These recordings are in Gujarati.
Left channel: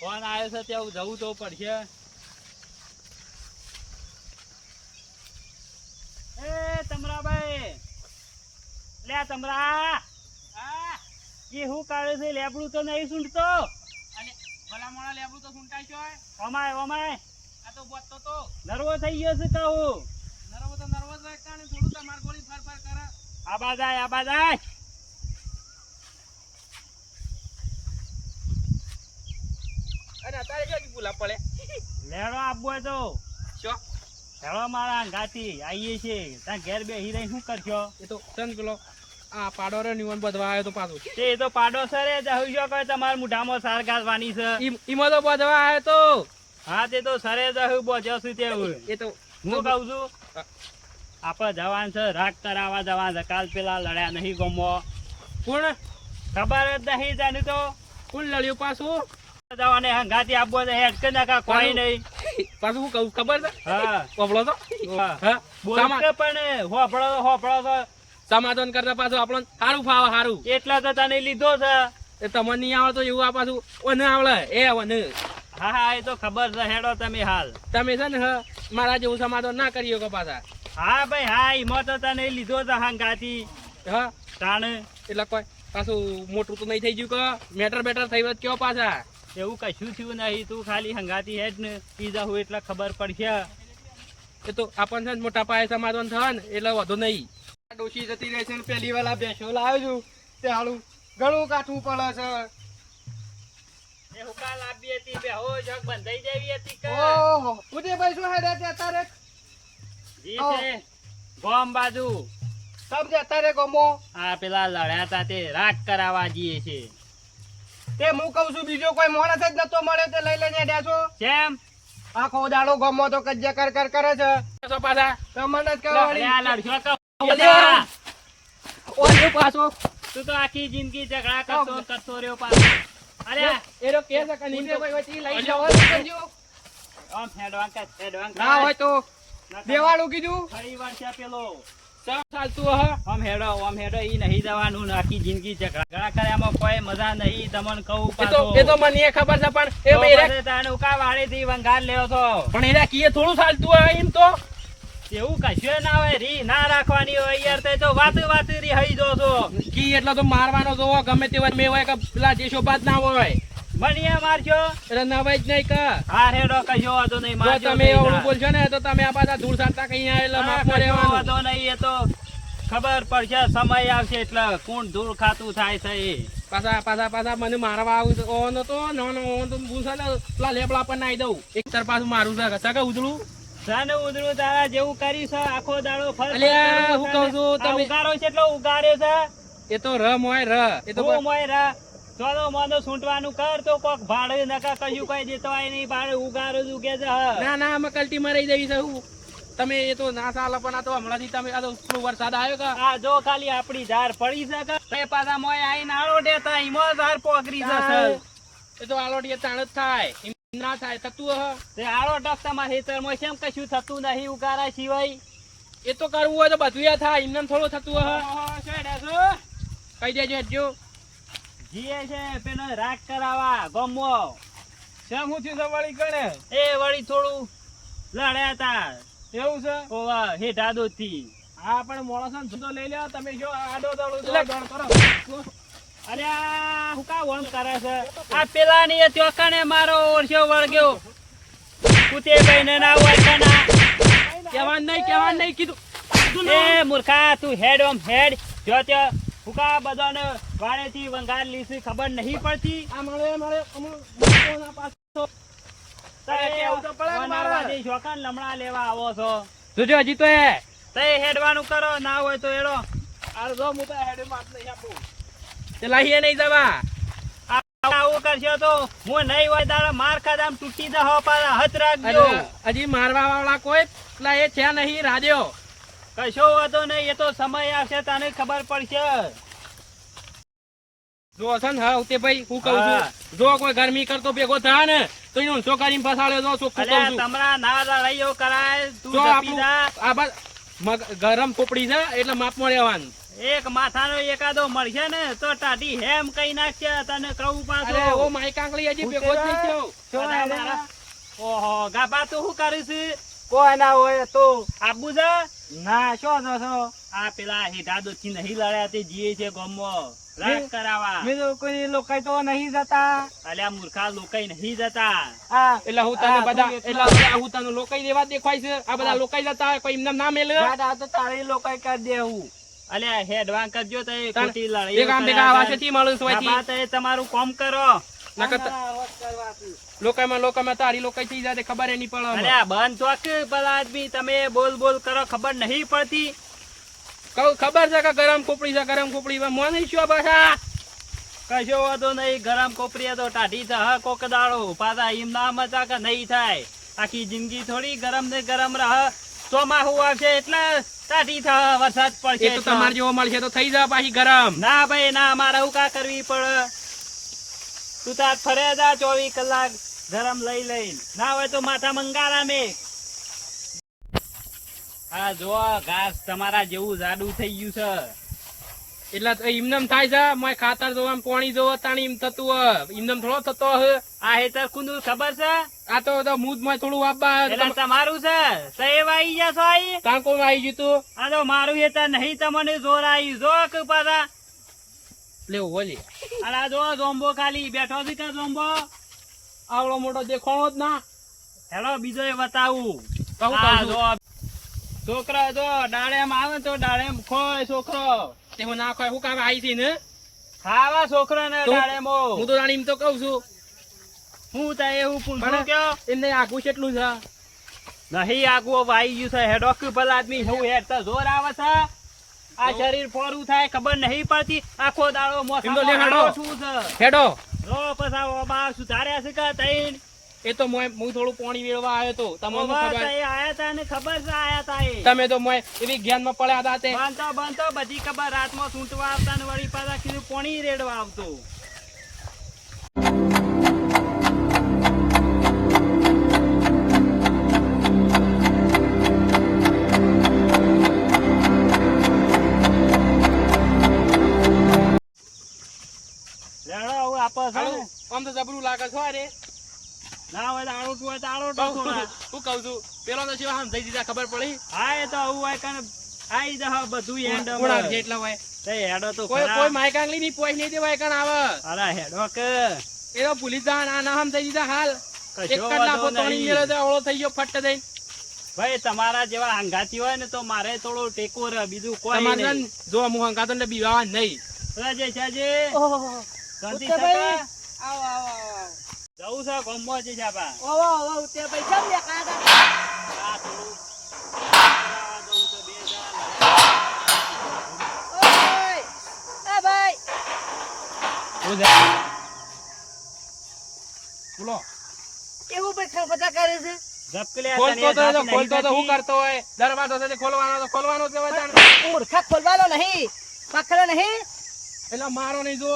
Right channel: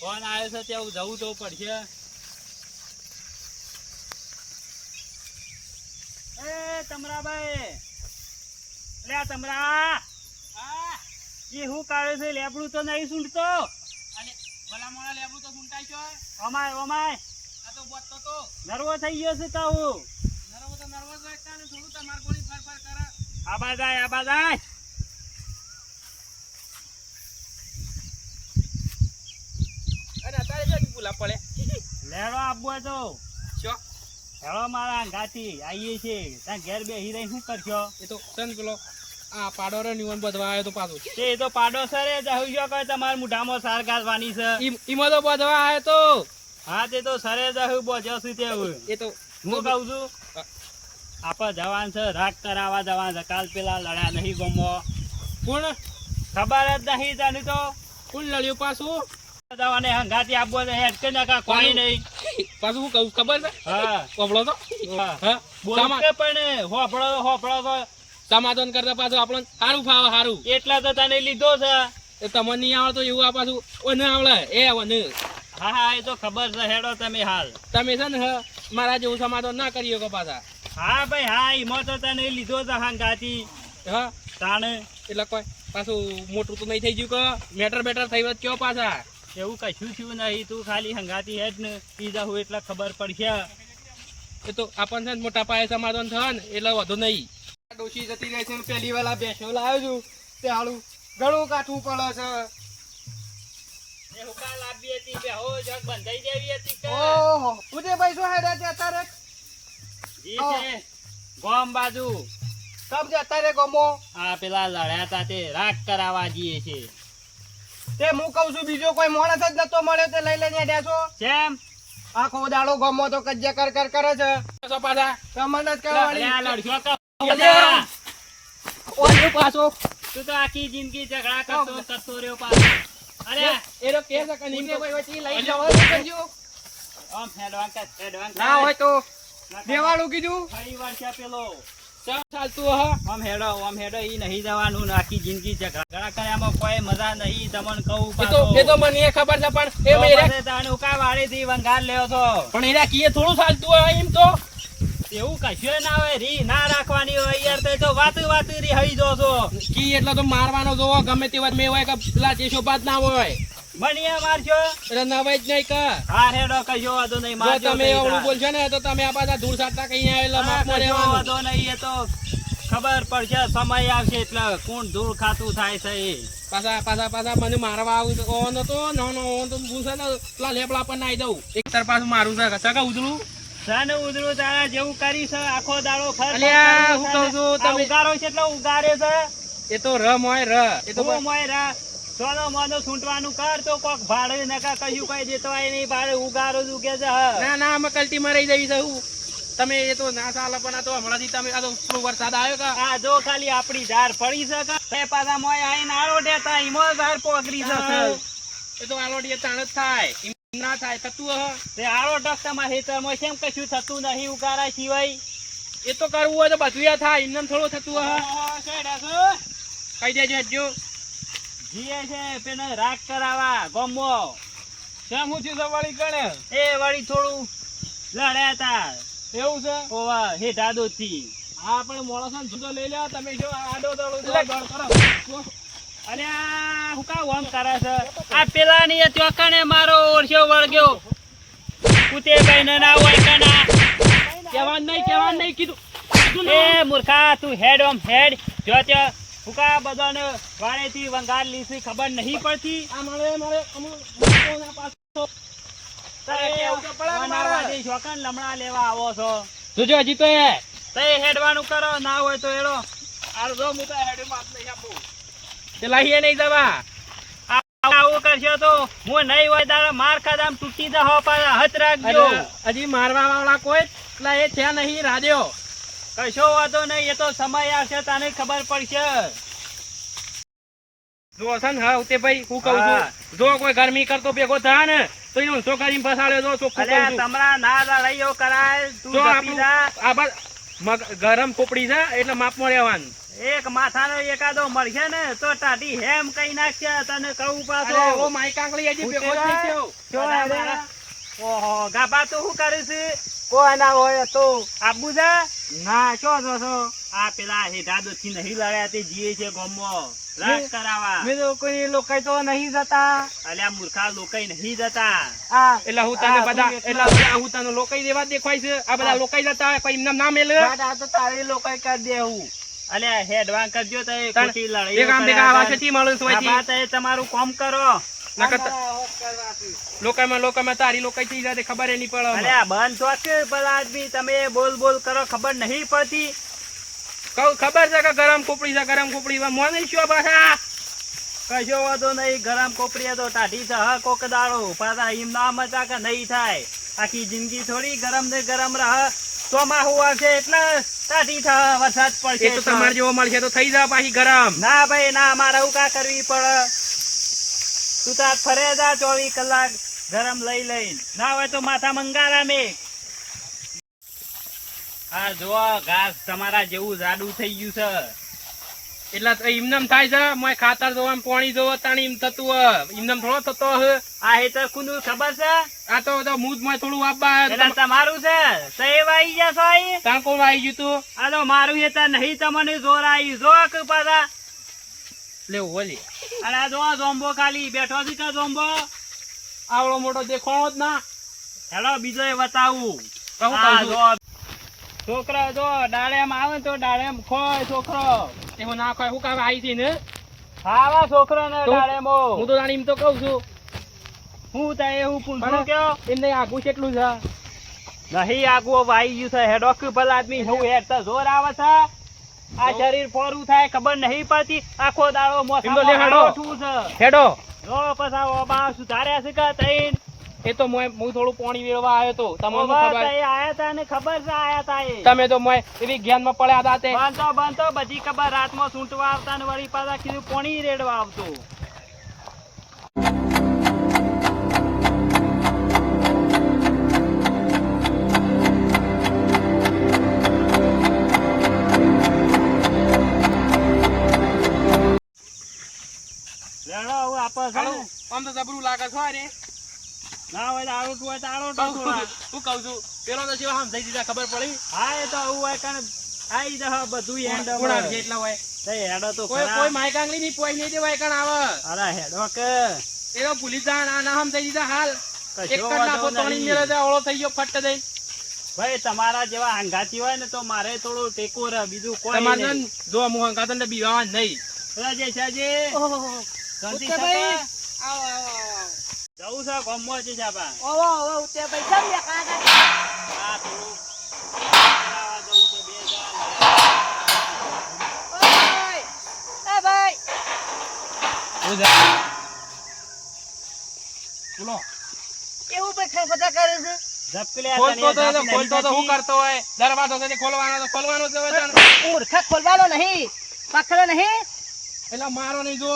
ફોન આવ્યો છે ત્યાં જવું તો પડશે. એ તમરાભાઈ, લે તમરા, હા એ હું કાઢે છે? લેબડું તો નહીં સૂંઢતો. અને ભલા મોણા લેબડું તો સૂંટાય છે. ઓમાય ઓમાય, આ તો બોતતો તો નર્વો થઈ ગયો છે. કહું નર્વો તો નર્વો જ રાખતા ને થોડું તમાર ગોળી ફર ફર કરે. આબા જાય આબા જાય. અને અત્યારે ક્યાંથી ભૂલા પડે? લેરો આપવો તો શું હેળો મારા ગાતી આવીએ છીએ. ત્યાં ઘેર બે હિરાઈ શું કરશો? એ તો સંત પેલો આ પાડો રે નિવન બધવા આવ્યો તો પાછો એ તો પાડો સરે જવું છો કે તમારા મુઢામાં સાર ગાલવાની છે. ઈમાં તો બધવા આવ્યો તો. હા તે તો સરે જવું બોજ્યો છું તેવું. એ તો હું કહું છું આપડે જવાન છે રાગ કરાવવા જવાન છે. કાલ પેલા લડ્યા નહીં ગમો. કોણ ખબર જ નહીં તને તો. કોણ લડ્યું પાછું? જવાને હંગાતી આપવો છે હેડ કે નાખા કોઈ નહીં. પાછું હું કહું ખબર છે? હા કોપડો તો હા બોલ કે પણ હોપળો તો સમાધાન કરતા પાછું આપણને સારું ફાવે સારું. એટલા તો તને લીધો છે. એ તમને નહીં આવડે તો એવું આ પાછું ઓને આવડે એ ઓને. હા હા એ તો ખબર છે. હેડો તમે હાલ. તમે છે ને મારા જેવું સમાધાન ના કરી શકો પાછા. હા ભાઈ હા એમાં તો તને લીધો છે હંગાતી. હા તાણ એટલે કોઈ પાછું મોટું તો નહીં થઈ ગયું કે મેટર બેટર થઈ ગયો કયો પાછા? એવું કશું થયું નહીં. તું ખાલી હંગાતી હેડ ને પીઝા હું એટલે ખબર પડશે. એ તો આપણને છે ને મોટા પાયે સમાધાન થાય ને એટલે વધુ નહીં. ડોશી જતી રહે છે ને પેલી વાલા બેસો લાવ્યો છું તે હાલું ઘણું કાઠવું પડે છે. એ હુકા લાવી હતી બે હો જગ બંધાઈ જેવી હતી કે ઓહો ઉદયભાઈ શું હેડે છે અત્યારે? જી છે ગોમ બાજુ. સબ છે અત્યારે ગમો. આ પેલા લડ્યા તા તે રાગ કરાવવા જઈએ છે. તે હું કઉ છું બીજો કોઈ માણસ જ નતો મળ્યો તે લઈ લઈને હેડ્યા છો. કેમ? આખો દાડો ગમો તો કજ્જા કર કરે છે. પાછા તમને જ કરવાની. લડશો કે ઓય પાછો તું તો આખી જિંદગી ઝઘડા કરતો રહ્યો પાછો. અરે એરો કે છે કે નીંદે કોઈ વચ્ચે લઈ જાવ આમ ફેડવાં ના હોય તો દેવાળું કીધું ફરી વાર છે પેલો ચાલતું હ આમ હેડો ઈ નહીં જવાનું ને આખી જિંદગી ઝઘડા કર્યામાં કોઈ મજા નહીં. તમને કહું એ તો મને ખબર છે પણ એ મેરે તાણે ઉકા વાળીથી વંગાર લેવો છો. પણ એના કીએ થોડું ચાલતું હોય એમ તો એવું કશું ના હોય. રી ના રાખવાની હોય યાર. તો વાત રી હઈ જો છો. કી એટલે તો મારવાનો જોવો ગમે તે વાત મે હોય કે પેલા દેશો બાદ ના હોય મને મારજો એટલે નવાય જ નહીં કે હા હેડો કશો વાંધો નહીં. જો તમે ઓળું બોલશો ને તો તમે આ પાછા ધૂળ સાંતા કઈ આવેલા માપમાં રહેવાનું. વાંધો નહીં. એ તો ખબર પડશે સમય આવશે એટલે કોણ ધૂળ ખાતું થાય છે. એ પાછા મને મારવા આવું ઓનો તો નો ઓન તો હું છે ને પેલા લેબડા પર નાઈ દઉં એક તર પાછું મારું છે સગા ઉધડું સાને ઉધડું તારા જેવું કરી છે. આખો દાડો અલ્યા હું કહું છું તમે ઉગારો છે એટલે ઉગારે છે. એ તો ર મોય ર એ તો મોય રા ચોલો મોનો છૂટવાનું કર તો કોક ભાડે નકા કશું કઈ દેતો હોય નહીં. ભાડે ઉગારો જ ઉગે છે. ના અમે કલ્ટી માં રહી જવી છે હું તમે એ તો ના ચાલે પણ આ તો હમણાંથી તમે આ તો થોડો વરસાદ આવ્યો કે આ જો ખાલી આપડી ઝાડ પડી છે કે પાછા મોય આઈને આળોટે તો ઈમો ઝાડ પોગરી જશે. એ તો આલોડીએ તાણ જ થાય એમ ના થાય થતું હ તે આળોટક તમારા ખેતરમાં કેમ કશું થતું નહીં ઉગારા સિવાય? એ તો કરવું હોય તો બધું થાય એમને થોડું થતું હ કહી દેજો હજુ જીએ છે પેલો રાગ કરાવવા ગમો શેમ હું છું વળી ગણે એ વળી થોડું લડ્યા હતા. એવું છે ઓવા હેઠા દોથી. હા પણ મોણસ ને જુદો લઈ લે તમે જો આડો દડો કરો. અરે હું કા વમ કરે છે? આ પેલા ની ત્યોકણે મારો ઓરછો વળગ્યો. કુતે કઈને ના ઓળખાના કેવાન નહીં કીધું એ મૂર્ખા તું હેડ ઓમ હેડ જો ત્યો હુકા બધાને વાળેથી વંગાર લીસી ખબર નહીં પડતી. આ મારે પાછો તારે કેવું કે મારવા દે છોકન લમણા લેવા આવો છો. જોજો હજી તો તે હેડવાનું કરો ના હોય તો એડો આ જો હું તો હેડ માત નહીં આપું તે લાહીએ નહીં જવા. આવું કરશો તો હું નહીં હોય તારે માર ખાધામ તૂટી દહો પાછા હાથ રાખજો. હજી મારવા વાળા કોઈ એટલે એ છે નહીં રાડ્યો કશો વાંધો નહીં. એ તો સમય આવશે તને ખબર પડશે. જો છે ને હા ઉતે ભાઈ હું કહું છું જો કોઈ ગરમી કરતો ભેગો થાય ને તો એનો ઊંચો કરીને ફસાડ્યો જો ચોખ્ખું કહું છું. તમારા ના લડાઈઓ કરાય તું ગરમ ખોપડી છે એટલે માપમાં રહેવાનું એક માથાનો એકાદો મળશે ને તો ટાઢી હેમ કઈ નાખશે તને કહું પાછો. અરે ઓ માઈ કાંકલી હજી ભેગો જ નહીં થયો. બધા મારા- ઓહો ગાભા તો શું કરે છે? કોઈ ના હોય તો આબુ છે ના શું છો આ પેલા હેઠા દોથી નહીં લડ્યા તે જીએ છે ગામમાં રાજ કરાવા. મેં તો કોઈ લોકો તો નહીં જતા. અલ્યા મૂર્ખા લોકોય નહીં જતા. એટલે હું તને બધા એટલે હું તને લોકાઈ દેવા દેખાય છે. આ બધા લોકાઈ જતા હોય, કોઈ એમને ના મેલે. તો તારી લોકાઈ કરી દેવું. અલ્યા હેડવાન કરજો તો એ તાણ ખોટી એક લડાઈઓ આમ ભેગા આવા છે તી માણસ હોય તી. ગાભા તો એ તમારું કામ કરો. લોકાઈમાં તારી લોકાઈ થઈ જાય તે ખબર ય નહીં પડે. અલ્યા બંધ છો કે પેલા આદમી તમે બોલ બોલ કરો ખબર નહીં પડતી. કહું ખબર છે કે ગરમ ખોપડી છે ગરમ ખોપડી મોને શું પાછા કશો વાંધો નહીં ગરમ કોપરીએ તો ટાઢી છે હ કોક દાડો પાછા એમ ના મચા કે નહીં થાય. આખી જિંદગી થોડી ગરમ ને ગરમ રહે. ચોમાસું આવશે એટલે ટાઢી થાય વરસાદ એ પડશે તો તમારે જેવો મળશે તો થઈ જાય પાછી ગરમ. ના ભાઈ ના મારે એવું કા કરવી પડે. તું તાર ફરે જા 24 કલાક ગરમ લઈ લઈને ના હોય તો માથા મંગારા મેં. આ જો ઘાસ તમારા જેવું જાડું થઈ ગયું છે. એટલે એમને થાય છે મોય ખાતર જોવા પાણી જોવા તાણી એમ થતું હોય એમને થોડો થતો હે. આ હેતર કુનું ખબર છે? આ તો મૂજ માં થોડું વાપવા એટલે તમારું છે સહેબ આવી જશો અહીં. ત્યાં કોણ આવી ગયું તું આ તો મારું હેતર નહીં તમને જોર આવી જો કે પાછા. લેવું બોલી અરે આ જો જોંબો ખાલી બેઠો છે કે જોંબો. આવડો મોટો દેખાણો જ ના. હેલો બીજો એ બતાવું. કહું આ કહું જો છોકરો જો ડાળેમ આવે તો ડાળેમ ખોય છોકરો. તેમાં ના ખોય હું કામ આવી છે ને ખાવા છોકરો ને તો ડાળેમો. હું તો જાણી એમ તો કઉ છું હું તો એવું પૂછું પણ કે એમને આગું કેટલું છે નહીં આગું વાઈ ગયું છે હેડો કે ભલા આદમી હું હેડ તો જોર આવે છે. આ શરીર ફોરું થાય ખબર નહીં પડતી. આખો દાડો એમ તો લે હેડો. શું છે હેડો રો પછા બા સુધાર્યા છે કે તઈન. એ તો હું થોડું પાણી વેળવા આવ્યો તો તમને ઓવા ખબર તઈ આયા તા ને ખબર છે આયા તા એ. તમે તો મોય એવી જ્ઞાનમાં પડ્યા હતા તે બાંધતો બધી ખબર રાતમાં સૂંટવા આવતા ને વળી પાછા કીધું પોણી રેડવા આવતો. લેડો હવે આપો છે ને. આમ તો જબરું લાગે છો રે ના હોય તો આરોટું હોય તો આરોટો થોડા. હું કઉ છું પેલો તો શું આમ થઈ દીધા ખબર પડી હા એ તો આવું હોય કાં આઈ જા બધું એન્ડ કોણ આવશે એટલા હોય હેડો તો કોઈ ખરા. કોઈ માયકાંગલી ની પોઈ નહીં દેવાય કાન આવે અરે હેડો કે એવો ભૂલી જા ના ના આમ થઈ દીધા હાલ એક કશો જ નાખો વાંધો તણી નહીં. મેળે તો ઓળો થઈ ગયો ફટ દઈ ભાઈ તમારા જેવા આંગાથી હોય ને તો મારે થોડો ટેકો રહે બીજું કોઈ તમારે નહીં. જો હું હંગાતન ને બીવા નહીં રાજે છે શાંતિ ઉત્તર છે ભાઈ. કા? જવું છે ગામમાં છે જાબા. ઓવો ઓવો ઉતે ભાઈ કેમ લે કાકા આ થોડું કરાવવા જવું છે બે જણ. ઓય એ ભાઈ બોલો એવું ભાઈ ખરખતા કરે છે ઝપકલ્યા ખોલતો તને તો ઝાપ ખોલતો તો નહીં હું કરતો હોય દરવાજો છે ખોલવાનો તો ખોલવાનો જ હોય તાણ. મૂર્ખા ખોલવાનો નહીં પકડે નહીં એટલે મારો નહીં જો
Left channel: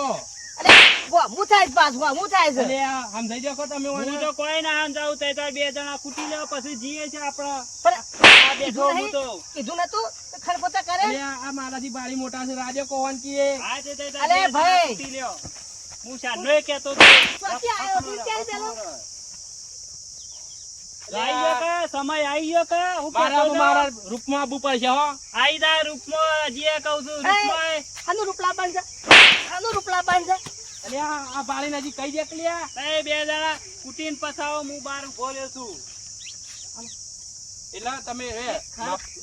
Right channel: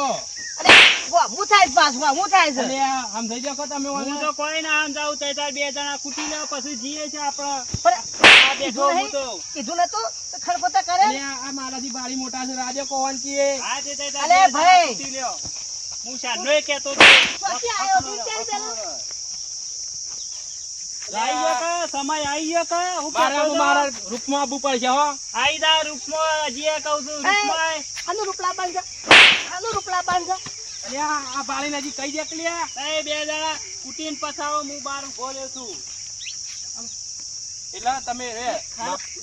અરે હું થાય છે પાછું હું થાય છે એટલે આમ થઈ જાવ તમે હું તો કોઈ ના આમ જાઉં તે તાર બે જણા કૂટી લે પછી જીએ છે આપડે. પણ આ બેઠો હું તો કીધું નતું ખરખતા કરે એટલે આ મારાથી બારી મોટા છે રાજ્ય કોણ કીએ આ તે તાર અલે બે જણા ભાઈ. કૂટી લ્યો. હું શાનોય કહેતો તો. ક્યાંથી આવ્યો તું? ક્યાં ચાલો? આઈ ગયો કે સમય આઈ ગયો કે હું કહેતો મારા તો? મારા રૂપમાં આબુ પડશે હો આઈ જા રૂપમાં હજી કહું છું રૂપમાં. આનું રૂપલા બાંધ આનું રૂપલા બાંધ એટલે આ બારી નજી કઈ દે કલ્યા એ બે જણા કૂટીને પછાવો હું બહાર ઉભો રહ્યો છું. એટલે તમે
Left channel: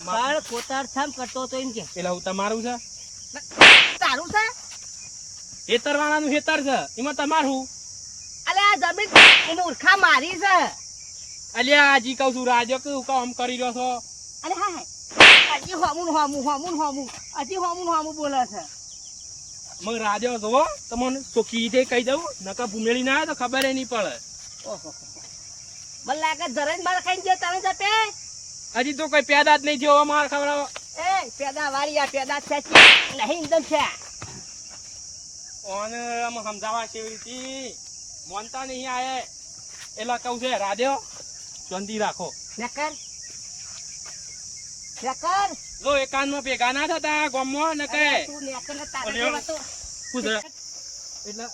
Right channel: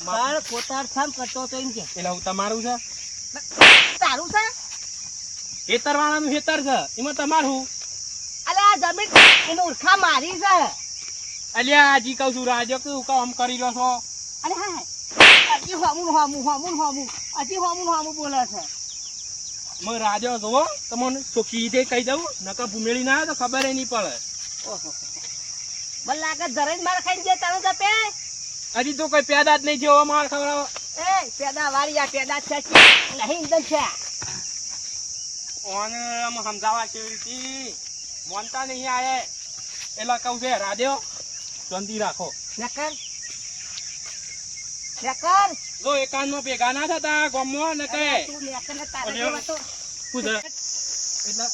બાળ કોતાર છામ કરતો તો એમ કે એટલે હું તમારું છે તારું છે હેતર વાળાનું હેતર છે એમાં તમારું અલે આ જમીન એનું ઉરખા મારી છે અલ્યા હજી કહું છું રાજ્ય કેવું કામ કરી રહ્યો છો અરે હા હજી હોમું હજી હોમું બોલે છે મગ રાજ્ય જોવો તમને ચોખ્ખી રીતે કહી દઉં નકર ભૂમેળી ના આવે તો ખબર નહીં પડે ઓહો મને લાગે જરા જ માર ખાઈ ગયા તારું જપે હજી તો કોઈ પેદા જ નહીં જેવો માર ખવડાવો એ પેદા વાળી આ પેદા છે નહીં એકદમ છે ઓને આમ સમજાવવા કેવી રીતે મોનતા નહીં આયે એટલે કહું છે રાધ્યો શાંતિ રાખો નકર લેકર જો એકાંતમાં ભેગા ના થતા ગામમાં ને કહે તું લેકર ને તારે અરે, જેવા તો પૂછ એટલે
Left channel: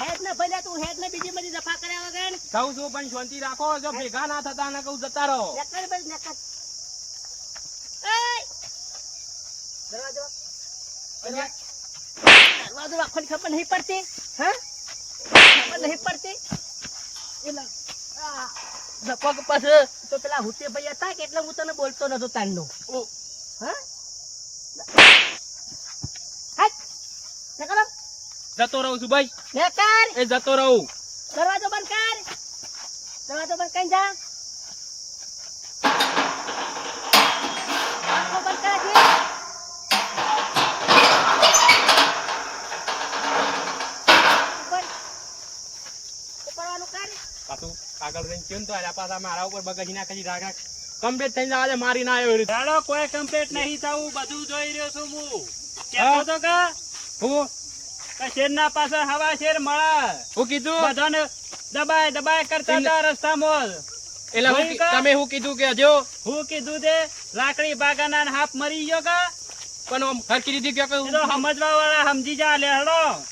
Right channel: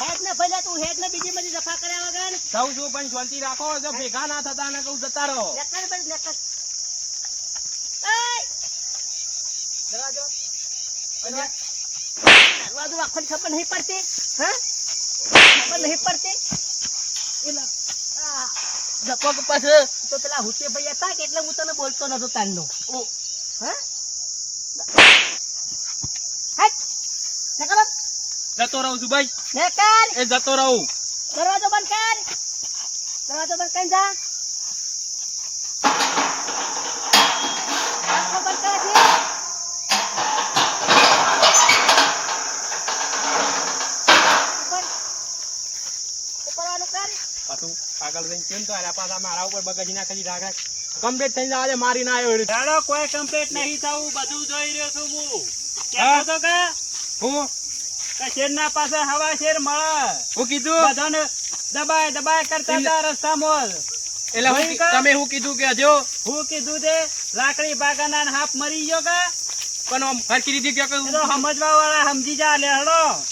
હેડ ને ભલે તું હેડ ને બીજી બધી દફા કર્યા વગર જાઉં છું પણ શાંતિ રાખો જો ભેગા ના થતા ને કહું જતા રહો લેકર બસ લેકર એય દરવાજો દરવાજો આખો ખબર નહીં પડતી હા ખબર નહીં પડતી એલા ધપક પછી તો પેલા હુતે ભાઈ હતા કે એટલે હું તને બોલતો નતો તાંડો ઓ હા હાટ લેકર જતો રહું છું ભાઈ લેકર એ જતો રહું દરવાજો બંધ કર દરવાજો બંધ કરી જા આખો બંધ કર જે ઉપરવાનું કર પાછું આગળ જઈને કેમ તો આલ્યા પાછા મારા ઉપર બગડી નાખી રાખા કમ્પ્લીટ થઈને આજે મારી ના આવ્યો ચાલો કોઈ કમ્પ્લેટ નહીં થવું બધું જોઈ રહ્યો છું હું કહેતો તો કે હું શેરના પાસે હવા શેર મળે હું કીધું બધાને દબાય દબાય કરતા હતા રસ્તામાં એટલે હું ભાઈ કા? તમે શું કીધું કે હજો હું કીધું તે લાકડી બાગાના ને હાફ મરી ગયો કા પણ આમ હરખી રીતે એ તો સમજવા વાળા સમજી જા લે હડો